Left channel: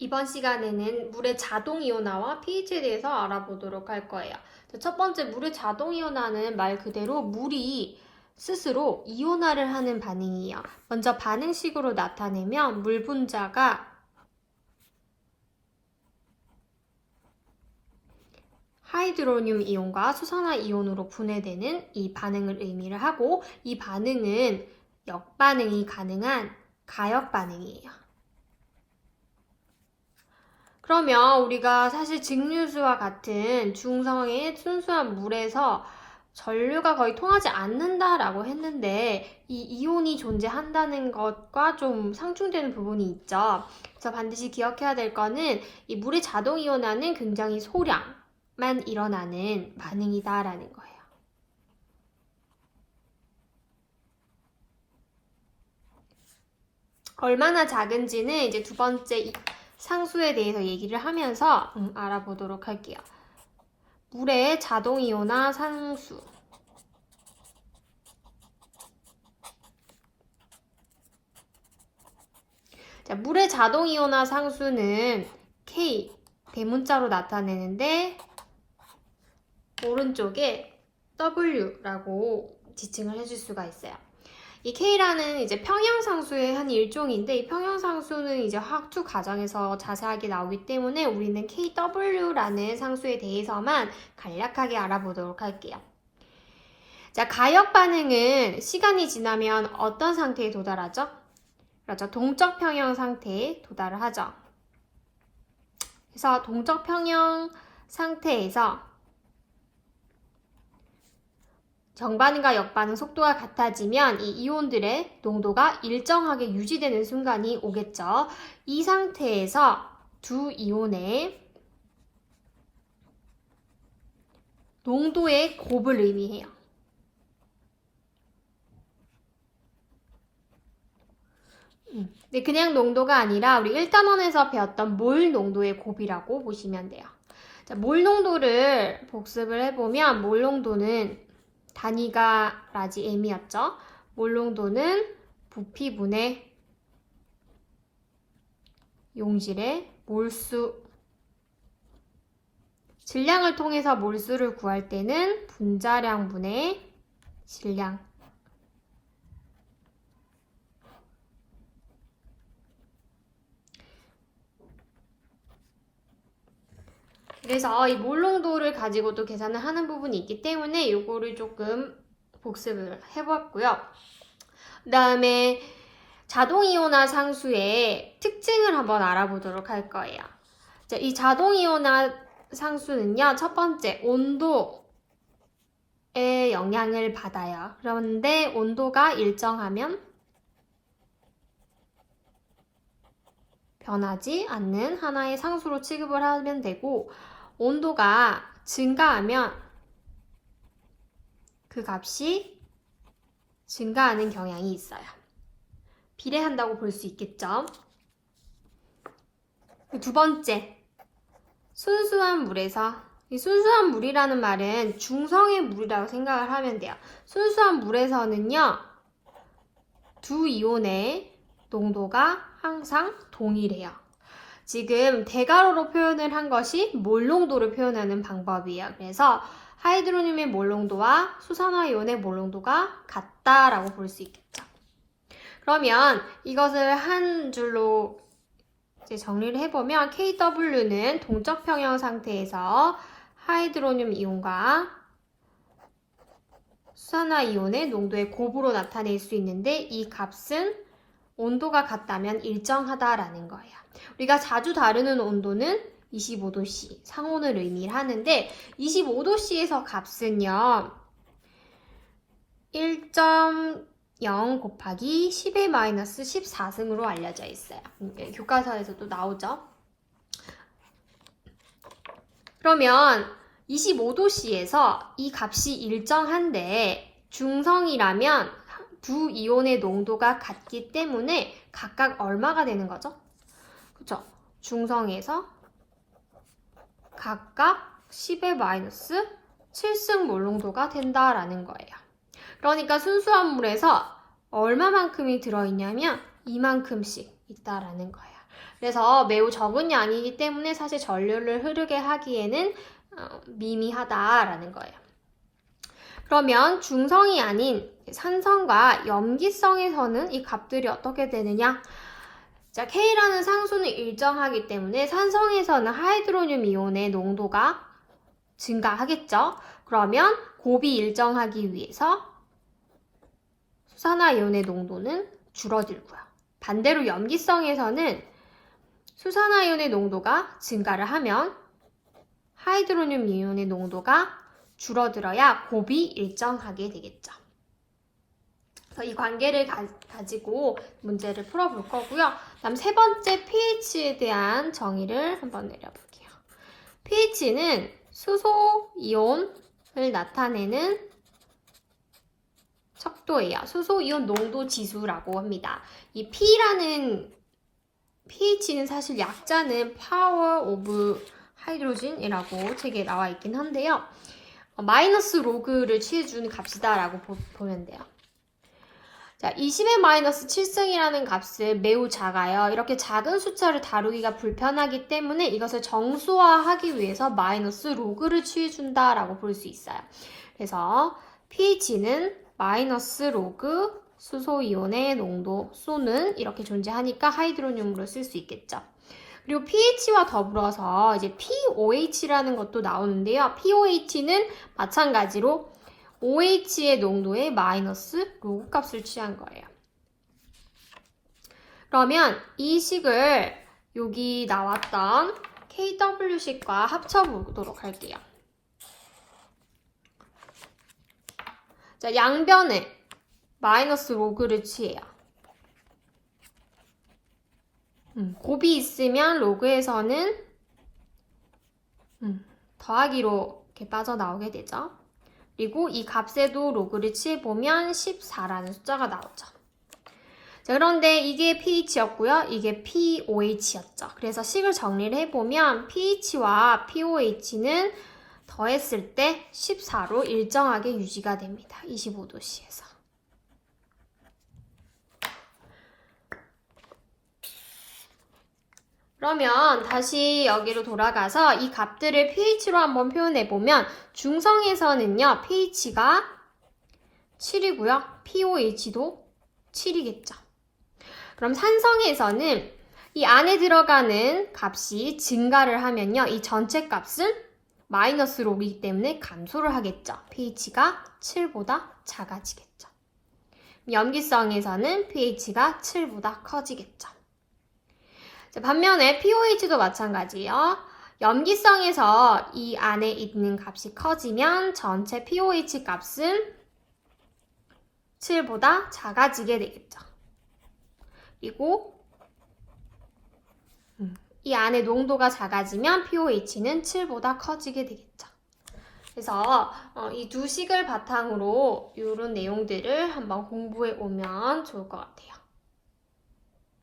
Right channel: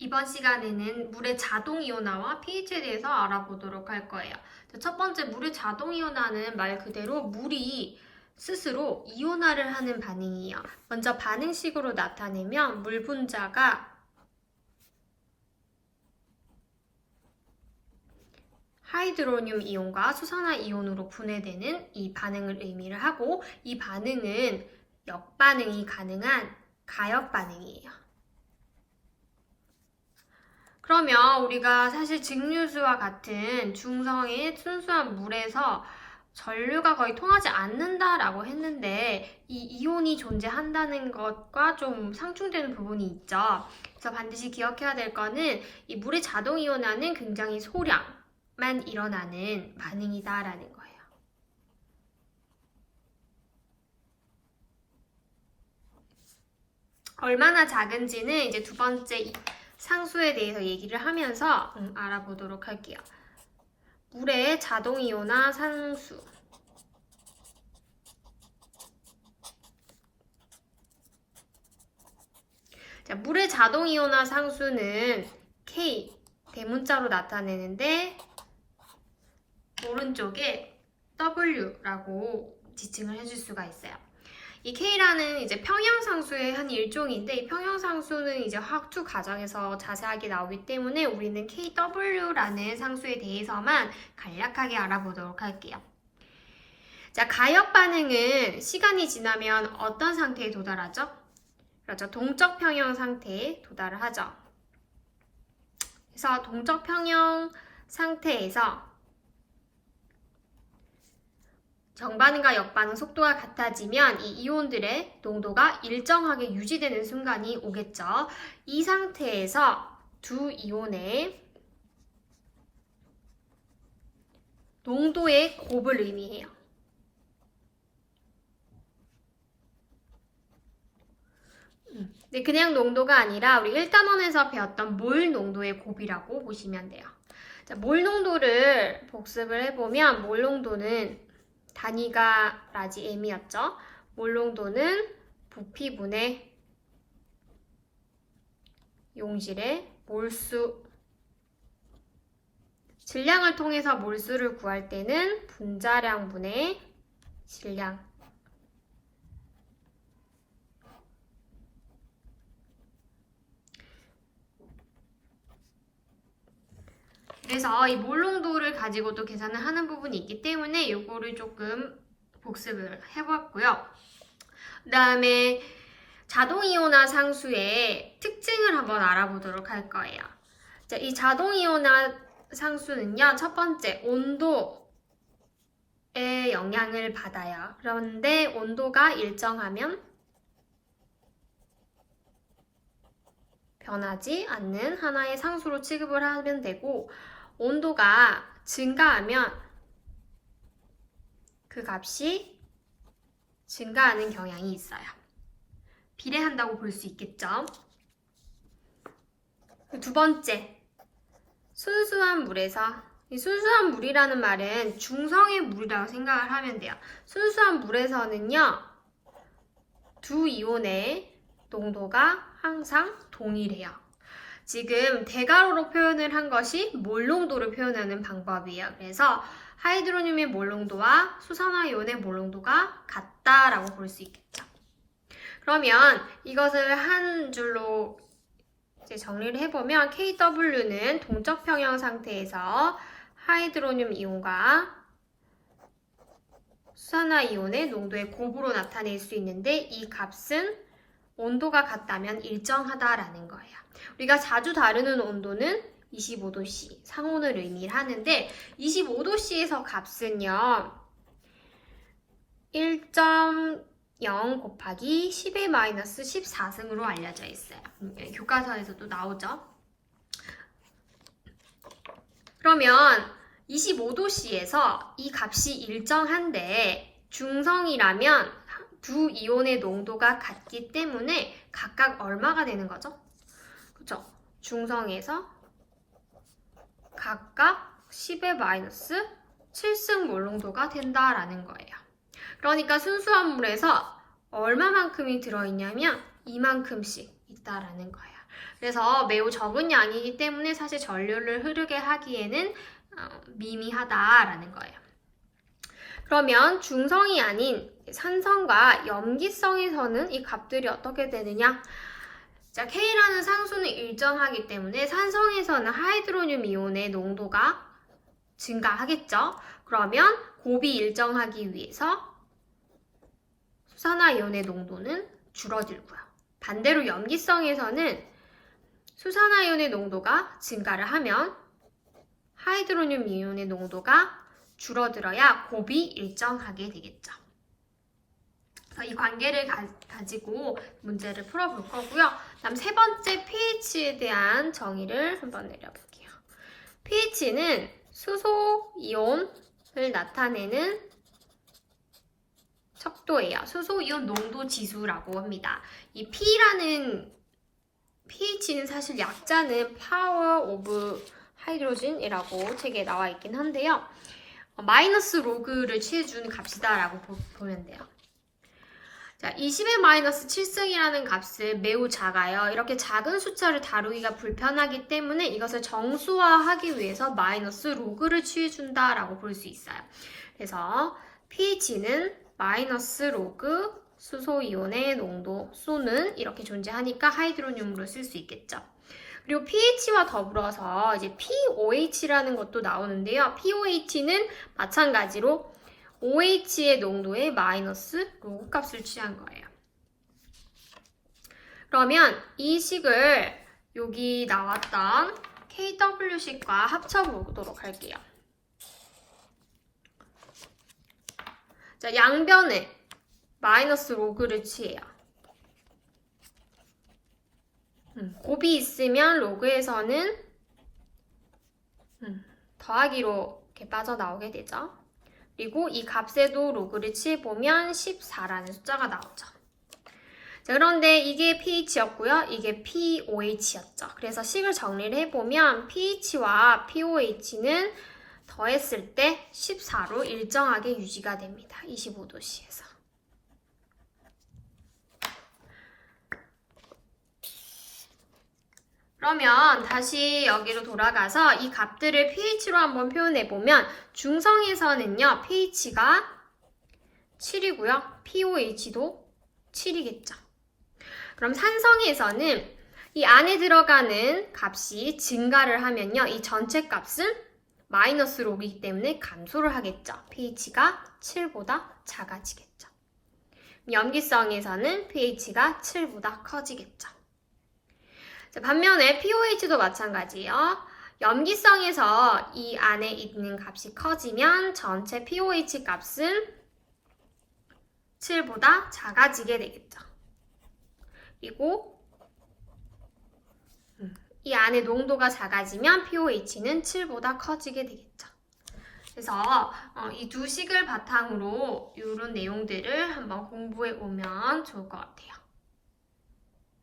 이번 시간에는 물의 자동이온화와 pH에 대해서 알아보도록 할 거예요. 첫 번째, 물의 자동이온화는 말 그대로 물이 스스로 이온화를 하는 반응이에요. 먼저 반응식으로 나타내면 물 분자가 하이드로늄 이온과 수산화 이온으로 분해되는 이 반응을 의미를 하고, 이 반응은 역반응이 가능한 가역 반응이에요. 그러면 우리가 사실 증류수와 같은 중성의 순수한 물에서 전류가 거의 통하지 않는다라고 했는데, 이 이온이 존재한다는 것과 좀 상충되는 부분이 있죠. 그래서 반드시 기억해야 될 거는 이 물의 자동이온화는 굉장히 소량만 일어나는 반응이다라는 거예요. 얼마나 작은지는 이제 두 번째 상수에 대해서 얘기를 하면서 알아보도록 할게요. 물의 자동이온화 상수. 자, 물의 자동이온화 상수는 K, 대문자로 나타내는데 오른쪽에 W라고 지칭을 해줄 수가 있어요. 이 K라는 이제 평형상수의 한 일종인데, 이 평형상수는 이제 화학투 과정에서 자세하게 나오기 때문에 우리는 KW라는 상수에 대해서만 간략하게 알아보도록 할게요. 자, 가역 반응은 시간이 지나면 어떤 상태에 도달하죠? 그렇죠. 동적 평형 상태에 도달을 하죠. 그래서 동적 평형 상태에서 정반응과 역반응 속도가 같아지면 이 이온들의 농도가 일정하게 유지되는 순간이 오겠죠. 이 상태에서 두 이온의 농도의 곱을 의미해요. 근데 그냥 농도가 아니라 우리 1단원에서 배웠던 몰 농도의 곱이라고 보시면 돼요. 자, 몰 농도를 복습을 해보면 몰 농도는 단위가 라지 m이었죠. 몰 농도는 부피분의 용질의 몰수. 질량을 통해서 몰수를 구할 때는 분자량분의 질량. 그래서 이 몰 농도를 가지고도 계산을 하는 부분이 있기 때문에 이거를 조금 복습을 해봤고요. 그 다음에 자동이온화 상수의 특징을 한번 알아보도록 할 거예요. 자, 이 자동이온화 상수는요, 첫 번째 온도의 영향을 받아요. 그런데 온도가 일정하면 변하지 않는 하나의 상수로 취급을 하면 되고, 온도가 증가하면 그 값이 증가하는 경향이 있어요. 비례한다고 볼 수 있겠죠. 두 번째, 순수한 물에서, 이 순수한 물이라는 말은 중성의 물이라고 생각을 하면 돼요. 순수한 물에서는요, 두 이온의 농도가 항상 동일해요. 지금 대괄호로 표현을 한 것이 몰 농도를 표현하는 방법이에요. 그래서 하이드로늄의 몰 농도와 수산화 이온의 몰 농도가 같다라고 볼 수 있겠죠. 그러면 이것을 한 줄로 이제 정리를 해보면 KW는 동적 평형 상태에서 하이드로늄 이온과 수산화 이온의 농도의 곱으로 나타낼 수 있는데, 이 값은 온도가 같다면 일정하다라는 거예요. 우리가 자주 다루는 온도는 25도C, 상온을 의미하는데 25도C에서 값은요 1.0 곱하기 10의 마이너스 14승으로 알려져 있어요. 교과서에서도 나오죠. 그러면 25도C에서 이 값이 일정한데 중성이라면 두 이온의 농도가 같기 때문에 각각 얼마가 되는 거죠? 그쵸? 중성에서 각각 10의 마이너스 7승 몰 농도가 된다라는 거예요. 그러니까 순수한 물에서 얼마만큼이 들어있냐면 이만큼씩 있다라는 거예요. 그래서 매우 적은 양이기 때문에 사실 전류를 흐르게 하기에는 미미하다라는 거예요. 그러면 중성이 아닌 산성과 염기성에서는 이 값들이 어떻게 되느냐? 자, K라는 상수는 일정하기 때문에 산성에서는 하이드로늄 이온의 농도가 증가하겠죠. 그러면 곱이 일정하기 위해서 수산화이온의 농도는 줄어들고요. 반대로 염기성에서는 수산화이온의 농도가 증가를 하면 하이드로늄 이온의 농도가 줄어들어야 곱이 일정하게 되겠죠. 그래서 이 관계를 가지고 문제를 풀어볼 거고요. 다음 세 번째 pH에 대한 정의를 한번 내려볼게요. pH는 수소 이온을 나타내는 척도예요. 수소 이온 농도 지수라고 합니다. 이 P라는 pH는 사실 약자는 파워 오브 하이드로진이라고 책에 나와 있긴 한데요. 마이너스 로그를 취해준 값이다라고 보면 돼요. 자, 20의 마이너스 7승이라는 값은 매우 작아요. 이렇게 작은 숫자를 다루기가 불편하기 때문에 이것을 정수화하기 위해서 마이너스 로그를 취해준다라고 볼 수 있어요. 그래서 pH는 마이너스 로그 수소이온의 농도, 소는 이렇게 존재하니까 하이드로늄으로 쓸 수 있겠죠. 그리고 pH와 더불어서 이제 pOH라는 것도 나오는데요. pOH는 마찬가지로 OH의 농도의 마이너스 로그 값을 취한 거예요. 그러면 이 식을 여기 나왔던 KW식과 합쳐보도록 할게요. 자, 양변에 마이너스 로그를 취해요. 곱이 있으면 로그에서는 더하기로 이렇게 빠져나오게 되죠. 그리고 이 값에도 로그를 취해보면 14라는 숫자가 나오죠. 자, 그런데 이게 pH였고요. 이게 pOH였죠. 그래서 식을 정리를 해보면 pH와 pOH는 더했을 때 14로 일정하게 유지가 됩니다. 25도씨에서. 그러면 다시 여기로 돌아가서 이 값들을 pH로 한번 표현해보면 중성에서는요, pH가 7이고요. pOH도 7이겠죠. 그럼 산성에서는 이 안에 들어가는 값이 증가를 하면요, 이 전체 값은 마이너스 로그이기 때문에 감소를 하겠죠. pH가 7보다 작아지겠죠. 염기성에서는 pH가 7보다 커지겠죠. 자, 반면에 pOH도 마찬가지예요. 염기성에서 이 안에 있는 값이 커지면 전체 pOH 값은 7보다 작아지게 되겠죠. 그리고 이 안에 농도가 작아지면 pOH는 7보다 커지게 되겠죠. 그래서 이 두 식을 바탕으로 이런 내용들을 한번 공부해 오면 좋을 것 같아요.